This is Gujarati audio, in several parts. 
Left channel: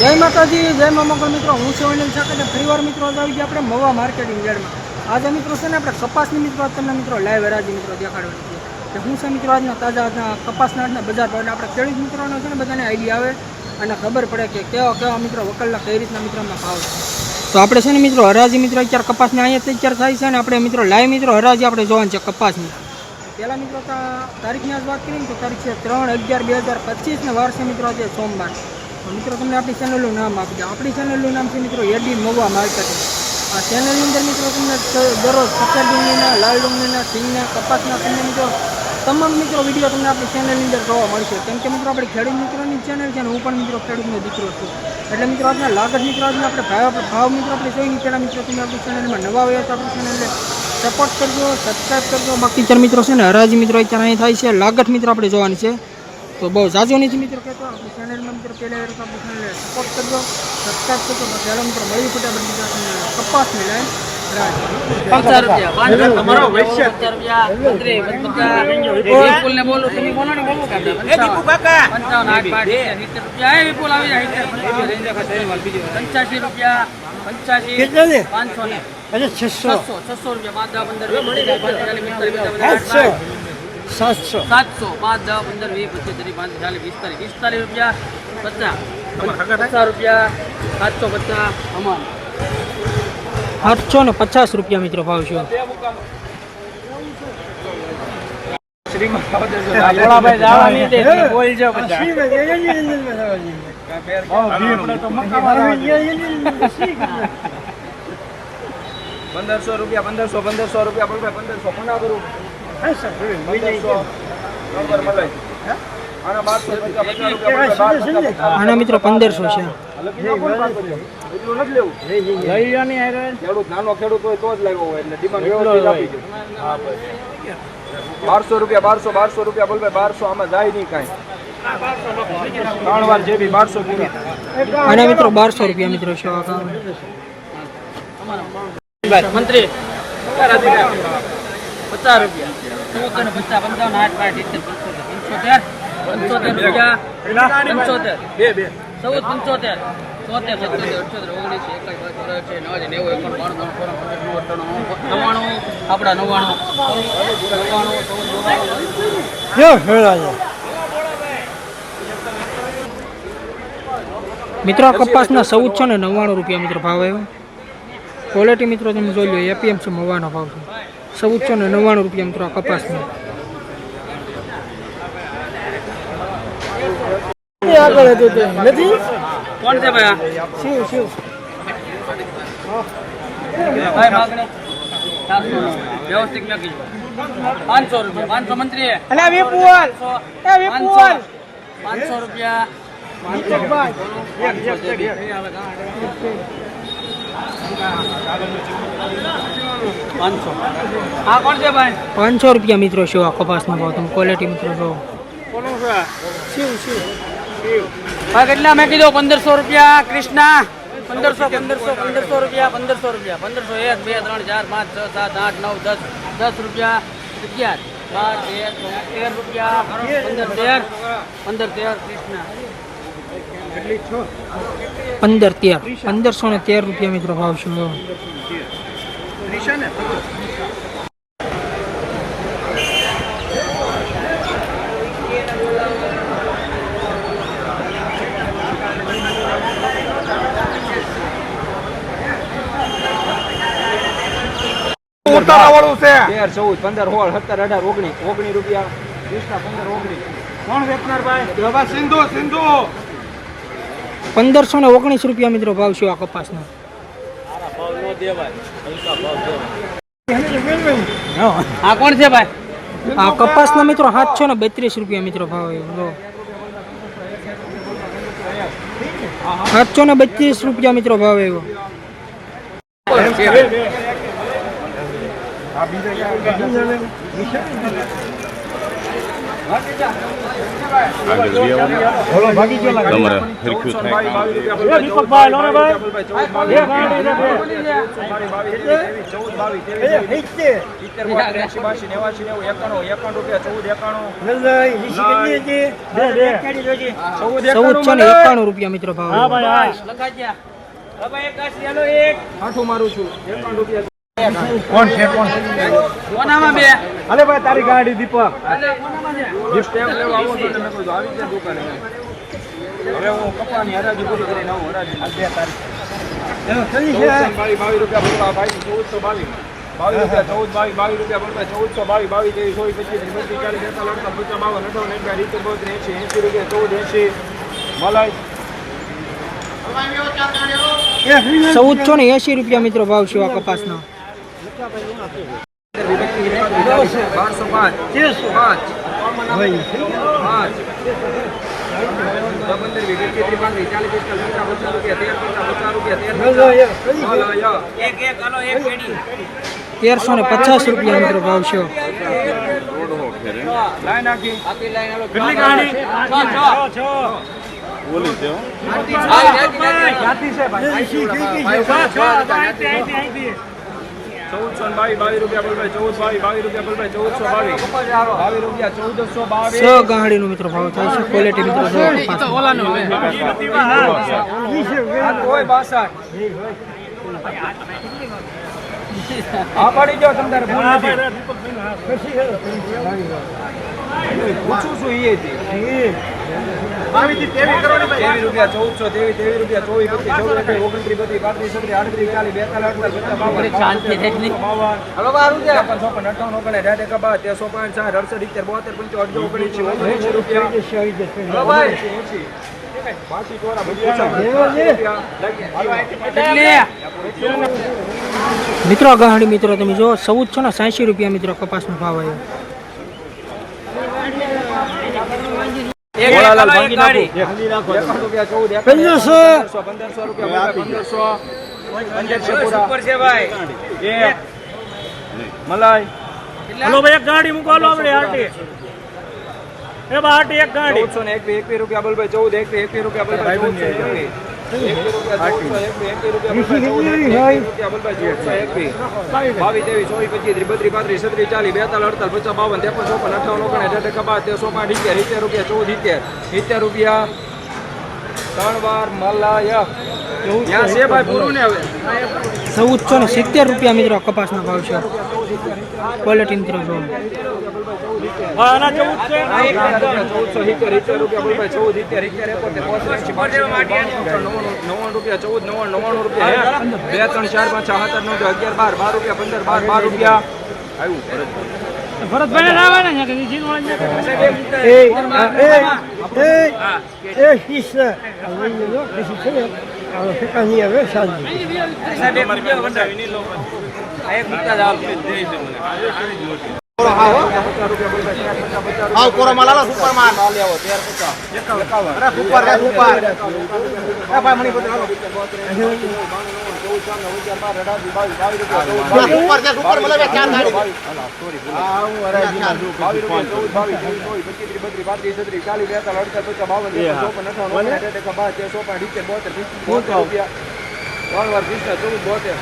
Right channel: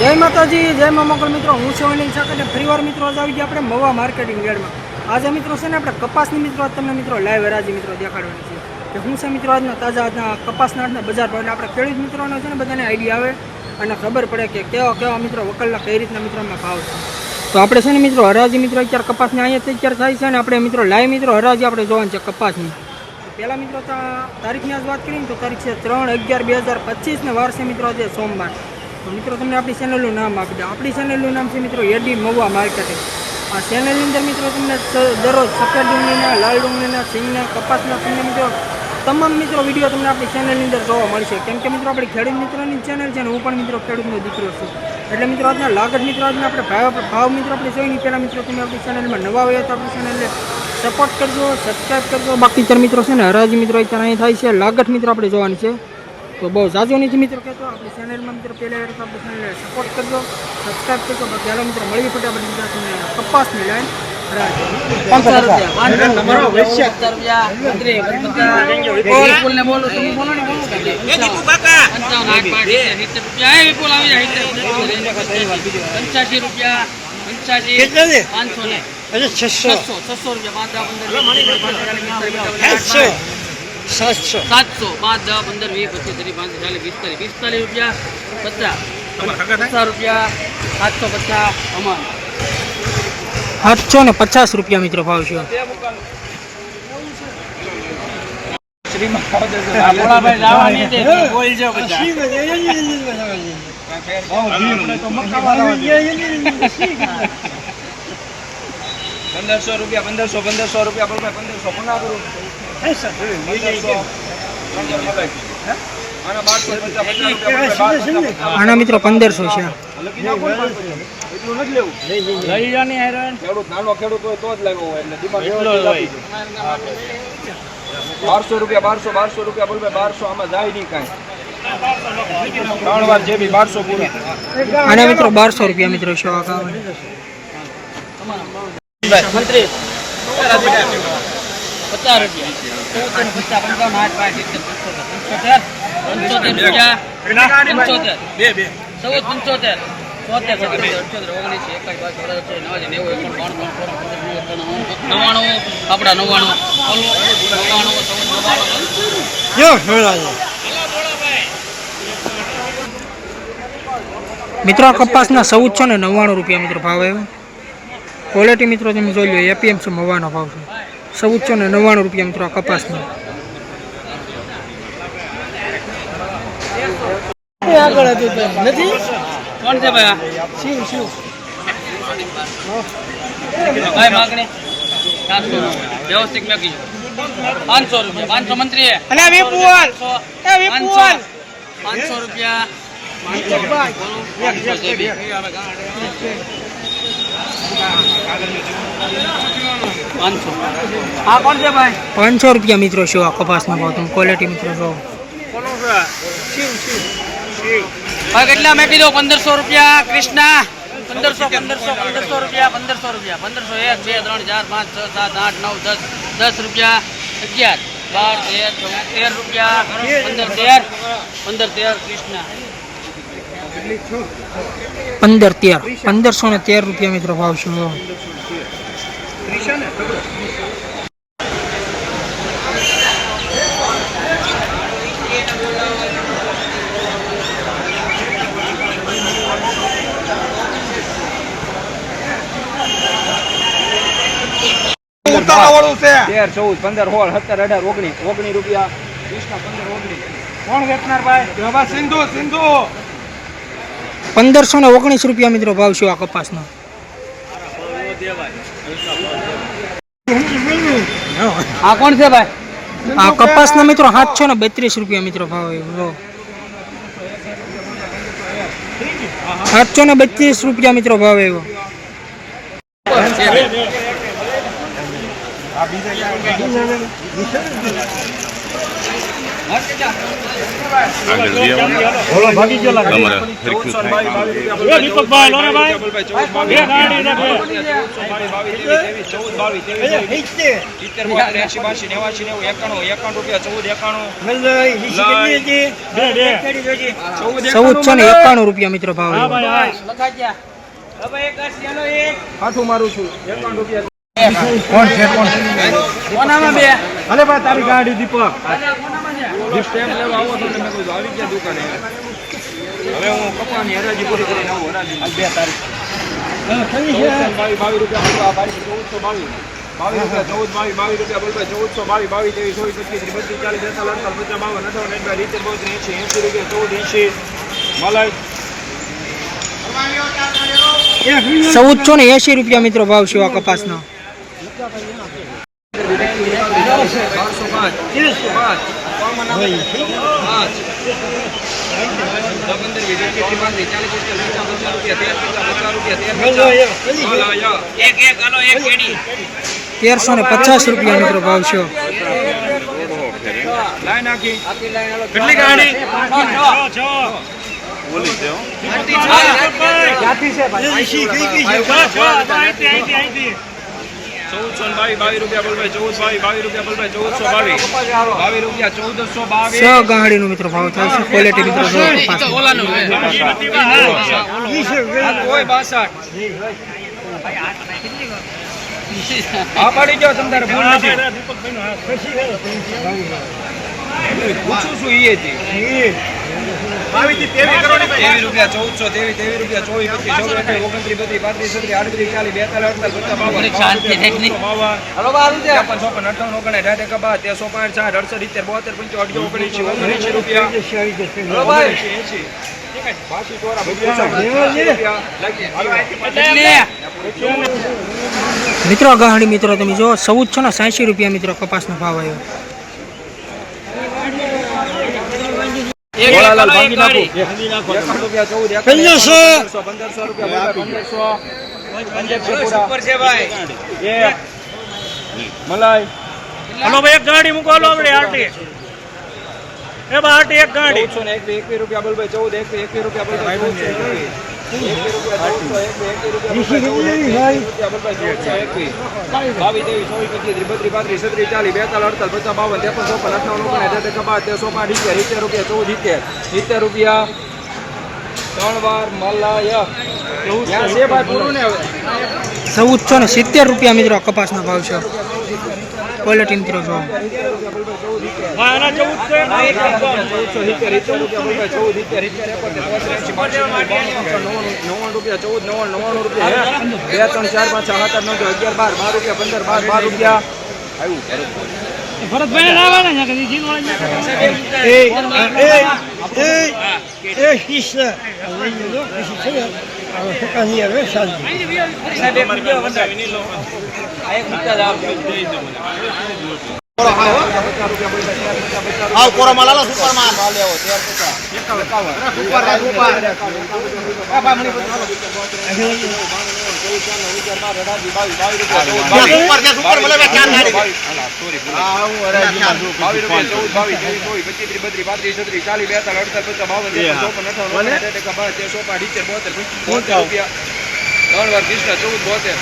જય માતાજી, જય મા મિત્રો. હું છું અનિલ સાકર અને ફરીવાર મિત્રો, આજે આવી ગયા આપણે મવા માર્કેટિંગ યાર્ડમાં. આજે મિત્રો છે ને, આપણે કપાસની મિત્રો તમને મિત્રો લાઈવ હરાજી મિત્રો દેખાડવાની છે. કે હું છે મિત્રો આજના તાજા કપાસના આજના બજાર ભાવ આપણે ખેડૂત મિત્રોનો છે ને, બધાને આઈડિયા આવે અને ખબર પડે કે કેવા કેવા મિત્રો વકલના કઈ રીતના મિત્રોના ભાવ છે. તો આપણે છે ને મિત્રો હરાજી મિત્રો અત્યારે કપાસની અહીંયા અત્યારે થાય છે ને આપણે મિત્રો લાઈવ મિત્રો હરાજી આપણે જોવાની છે કપાસની. પહેલાં મિત્રો તારીખની આજ વાત કરીએ ને, તો તારીખ છે ત્રણ અગિયાર બે હજાર પચીસને વાર છે મિત્રો આજે સોમવાર. તો મિત્રો, તમને આપણી ચેનલનું નામ આપી દે આપણી ચેનલનું નામ છે મિત્રો એડી મવા માર્કેટિંગ આ ચેનલની અંદર મિત્રો, તમને દરરોજ સફેદ ડુંગળીના, લાલ ડુંગળીના, સિંગના, કપાસના, તમને મિત્રો તમામ મિત્રો વીડિયો તમને આપણી ચેનલની અંદર જોવા મળશે. કેમ કે મિત્રો, આપણી ખેડૂત મિત્રોની ચેનલ છે અને હું પણ મિત્રો ખેડૂતનો દીકરો છું. એટલે મિત્રો, આજના લાગત મિત્રો, આજના આપણે ભાવ ભાવ મિત્રો આપણે જોઈએ પહેલાં મિત્રો, તમે આપણી ચેનલમાં નવા હોય તો આપણી ચેનલને સપોર્ટ કરજો સબસ્ક્રાઈબ કરજો. બાકી ચાર મિત્રો છે ને, હરાજી મિત્રો અત્યારે અહીં થાય છે. લાગત મિત્રો આપણે જોવાની છે. તો બહુ જાજો નથી મિત્રો કહેતો આપણી ચેનલમાં મિત્રો પહેલા વાર તો આપણી ચેનલને સપોર્ટ કરજો સબસ્ક્રાઈબ કરજો બાકી હાલો મિત્રો મળી ફટાફટ બીજા તમને કપાસની લાઈન તમારો વૈશ્ય વિપુલ ને બોલો તમે બોલો ને બોલો કે પંચાવન આઠ પાંચ સિત્તેર રૂપિયા એ વિપુલ આવી જાય સિત્તેર પંચાસી રૂપિયા પંચાસી પાંચસો ને છસો છસો રૂપિયા સાતસો પાંચ દસ પંદર વીસ પચીસ ત્રીસ પાંત્રીસ ચાલીસ પિસ્તાલીસ પિસ્તાલીસ રૂપિયા પચાસ પચાસ રૂપિયા સાતસો પચાસ અમાન સાતસો ને પચાસ રૂપિયા મિત્રો ભાવ છે. પંદરસો રૂપિયા પંદરસો પંદરસો રૂપિયા પંદરસો પંદર રૂપિયા આના મિત્રો પંદરસો છે. બારસો રૂપિયા બારસો બારસો રૂપિયા બોલ બારસો આમાં જાય નહીં કાંઈ ત્રણ જે બી બારસો આના મિત્રો બારસો રૂપિયા મિત્રો મંત્રી પચાસ રૂપિયા. ચૌદ પચાસ પંચાવન આઠ પાંચ સિત્તેર પંચોતેર. પંચોતેર? રૂપિયા? પંચોતેર. ચૌદ પંચોતેર. ઓગણીસ નવ્વાણું આપણા નવ્વાણું નવ્વાણું ચૌદ નવ્વાણું. મિત્રો આ કપાસના ચૌદસો ને નવ્વાણું રૂપિયા મિત્રો ભાવ આવ્યો. ક્વોલિટી મિત્રો તમે જોઈ લો એપીએમસી મવાનો ભાવ છે. ચૌદસો ને નવ્વાણું રૂપિયા મિત્રો આ કપાસનો કોણ છે ભાઈ ભાઈ માગણી ચારસો નો વ્યવસ્થિત મેકી પાંચસો. રૂપિયા પાંચસો મંત્રી પાંચસો. પાંચસો પાંચસો રૂપિયા. પાંચસો છે બે પાંચસો. રૂપિયા મિત્રો શું આ કપાસના ભાવ. તમે ક્વોલિટી મિત્રો જો કેટલા મેં કીધું? પંદરસો રૂપિયા કૃષ્ણા. પંદરસો પંદરસો પંદરસો રૂપિયા પંદરસો રૂપિયા. પંદરસો એક બે ત્રણ ચાર પાંચ છ સાત આઠ નવ દસ દસ રૂપિયા અગિયાર. બાર તેર તેર રૂપિયા. પંદર તેર પંદર તેર કૃષ્ણા. પંદર તેર. પંદરસો ને તેર રૂપિયા મિત્રો ભાવ છે. તેર ચૌદ પંદર સોળ સત્તર અઢાર ઓગણીસ ઓગણીસ રૂપિયા વીસના પંદર ઓગણીસ. કોણ વેચનાર ભાઈ? સિંધુ સિંધુ. પંદરસો ને ઓગણીસ રૂપિયા મિત્રો ભાવ છે આ કપાસનો. આ કોણ છે ભાઈ? આ કપાસના મિત્રો સાતસો ને બત્રીસ રૂપિયા મિત્રો ભાવ જો. સાતસો ને બત્રીસ રૂપિયા મિત્રો ભાવ આવ્યો આગળ લઈ આવવાનું તમારે હરખ્યું થાય. કામ ચૌદસો ને એકાણું રૂપિયા મિત્રો ભાવ હાથું મારું છું. એકાવન રૂપિયા. કોનામાં બે? અલે ભાઈ તારી ગાડી દીપક. હવે હું કપાની હરાજી પૂરી કરીને આવું હરાજી. બે તારીખ. બાવીસ રૂપિયા ચૌદસો બાવીસ. બાવીસ રૂપિયા ચૌદ બાવીસ બાવીસ રૂપિયા બોલવા ચૌદસો બાવીસ બાવીસ ત્રેવીસ ચોવીસ પચીસ ત્રીસ બત્રીસ ચાલીસ બેતાલીસ પચાસ બાવન અઠાવન એંસી સિત્તેર બોતેર એંસી એંસી રૂપિયા ચૌદ મલાઈ. ચૌદસો ને એસી રૂપિયા મિત્રો ભાવ છે આ કપાસનો. બારસો પાંચ પાંચ પાંચ પંદર વીસ એકવીસ ત્રીસ ચાલીસ પિસ્તાલીસ પચાસ પચાસ રૂપિયા તેર પચાસ પચાસ રૂપિયા તેર એક એક હાલો એક કેડી તેરસો ને પચાસ રૂપિયા મિત્રો ભાવ છે કેટલી ગાડી બોલી હો. ચૌદસો બાવીસ બાવીસ રૂપિયા બોલભાઈ ચૌદ બાવીસ બાવીસ રૂપિયા બોલભાઈ ચૌદસો બાવીસ. બાવીસ રૂપિયા ચૌદસો બાવીસ. છ ગાંહડીનો મિત્રો ભાવ થાય છે ક્વોલિટી મિત્રો જો કપાસની. આ તોય બાસઠ. હા જાઓ તમ ભૂલ નથી. પૂછું છું. એ હતી તેવી રૂપિયા ચૌદસો તેવી તેવી રૂપિયા ચોવીસ પચીસ ચૌદ એકવીસ ઓગણત્રીસ બત્રીસ પાંત્રીસ છત્રીસ આડત્રીસ ચાલીસ બેતાલીસ અડતાલીસ પચાસ બાવન શાંતિ થઈ. બાવન. ત્રેપન ચોપન અઠાવન ઓગણ અઢાર એકા બાર તેરસો પાંચ સાઠ અડસઠ ઇત્તેર બોતેર પંચો અઢીસો રૂપિયા. બાકી રૂપિયા મિત્રો આ મિત્રો તમે જો ચૌદસો ને સાંસી રૂપિયા મિત્રો કપાસનો ભાવ આવ્યો. એક ગાડી. પંદરસો. પંદરસો પંદરસો પંદરસો. પૂરા. ઉપર છે ભાઈ. એક. મલાઈ. હલો ભાઈ એક ગાડી મૂકો. હાલો આપણે આરટી. એ બા આરટી એક ગાડી. ચૌદસો ને એકવીસ એકવીસ રૂપિયા બોલભાઈ ચૌદ એકવીસ એકવીસ રૂપિયા એકવીસ એકવીસ ચૌદસો પચીસ ત્રીસ બત્રીસ પાંત્રીસ છત્રીસ ચાલીસ બેતાલીસ અડતાલીસ પચાસ બાવન ત્રેપન ચોપન અઠાવન ઓગણ ટકા પાંચ ઇત્તેર ઇત્તેર રૂપિયા ચૌદ ઇત્તેર ઇત્તેર રૂપિયા ત્રણ વાર મલાય ત્યાં છે ભાઈ પૂરું ને હવે ચૌદસો ને સિત્તેર રૂપિયા મિત્રો કપાસનો ભાવ છે ક્વોલિટી મિત્રો જો ભરતભાઈ આવે ને સાહેબ ચાલીસ કોરો અડતાલીસ પચાસ બાવન સુપર તેરસો પાંચ ઇત્તેર બોતેર પંચોતેર બોતેર રૂપિયા ત્રણ વાર કૃષ્ણ ચૌદ બોતેર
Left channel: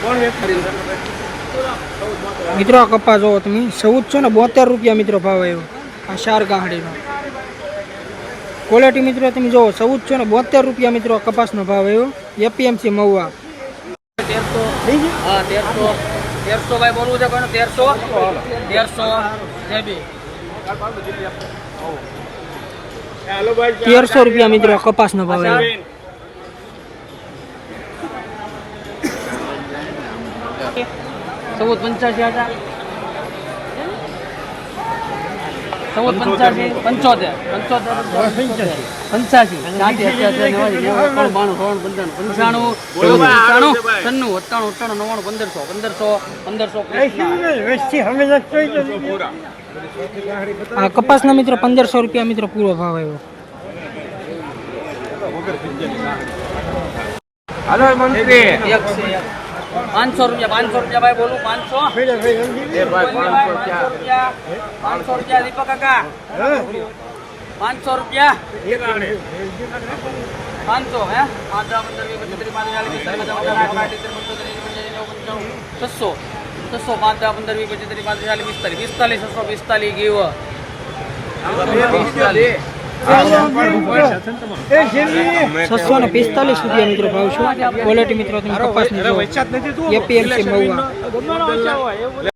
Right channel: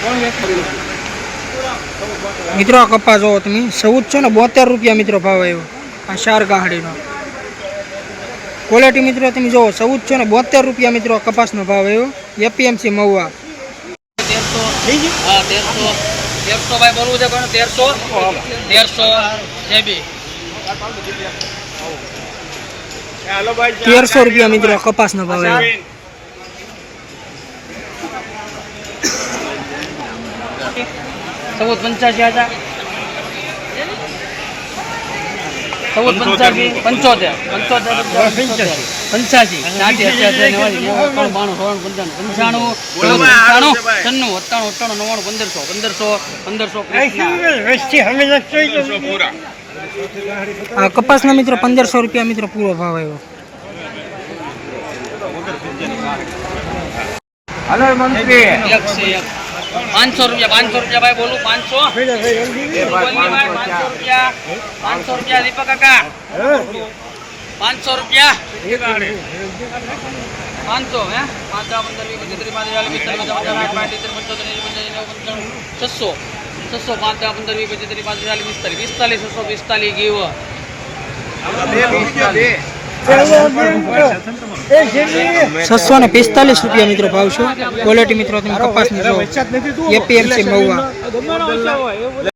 કોણ વ્યક્તિ મિત્રો આ કપાસ જોવો તમે. ચૌદસો ને બોતેર રૂપિયા મિત્રો ભાવ આવ્યો. આ શાર ગાહડીનો. ક્વોલિટી મિત્રો તમે જોવો ચૌદસો ને બોતેર રૂપિયા મિત્રો કપાસનો ભાવ આવ્યો. એપીએમસી મહુવા. તેરસો. હા તેરસો. તેરસો ભાઈ બોલવું છે તેરસો? તેરસો. રૂપિયા મિત્રો કપાસનો ભાવ આવ્યો. ચૌદ પંચ્યાસી હજાર. ચૌદ પંચ્યાસી પંચોતેર પંચોતેર. પંચ્યાસી. સાઠી અઠ્યાસી નેવાસી બાણું ત્રણ પંચાણું. પંચાણું પંચાણું છન્નું અઠ્ઠાણું નવ્વાણું પંદરસો પંદરસો પંદરસો આ કપાસના મિત્રો પંદરસો રૂપિયા મિત્રો પૂરો ભાવ આવ્યો. હલો મંત્રી. એક છે એક. પાંચસો રૂપિયા પાંચસો રૂપિયા ભાઈ બોલું, પાંચસો. ભાઈ પાંચસો રૂપિયા. પાંચસો રૂપિયા દીપક કાકા. પાંચસો રૂપિયા. પાંચસો, હે? પાંચ દસ પંદર, વીસ, પચીસ, ત્રીસ, પાંત્રીસ, ચાલીસ પચાસ પચાસ આઠ પાંચ સિત્તેર, પંચોતેર એંસી પંચ્યાસી નેવું પંચાણું, છસો. છસો પાંચ પંદર, વીસ, પચીસ, ત્રીસ, પાંત્રીસ, ચાલીસ, પિસ્તાલીસ પિસ્તાલીસ, છસો, પિસ્તાલીસ ગીવ છસો ને પિસ્તાલીસ રૂપિયા મિત્રો ભાવ છે. ક્વોલિટી મિત્રો તમે કપાસની જો એપીએમસી મહુવા.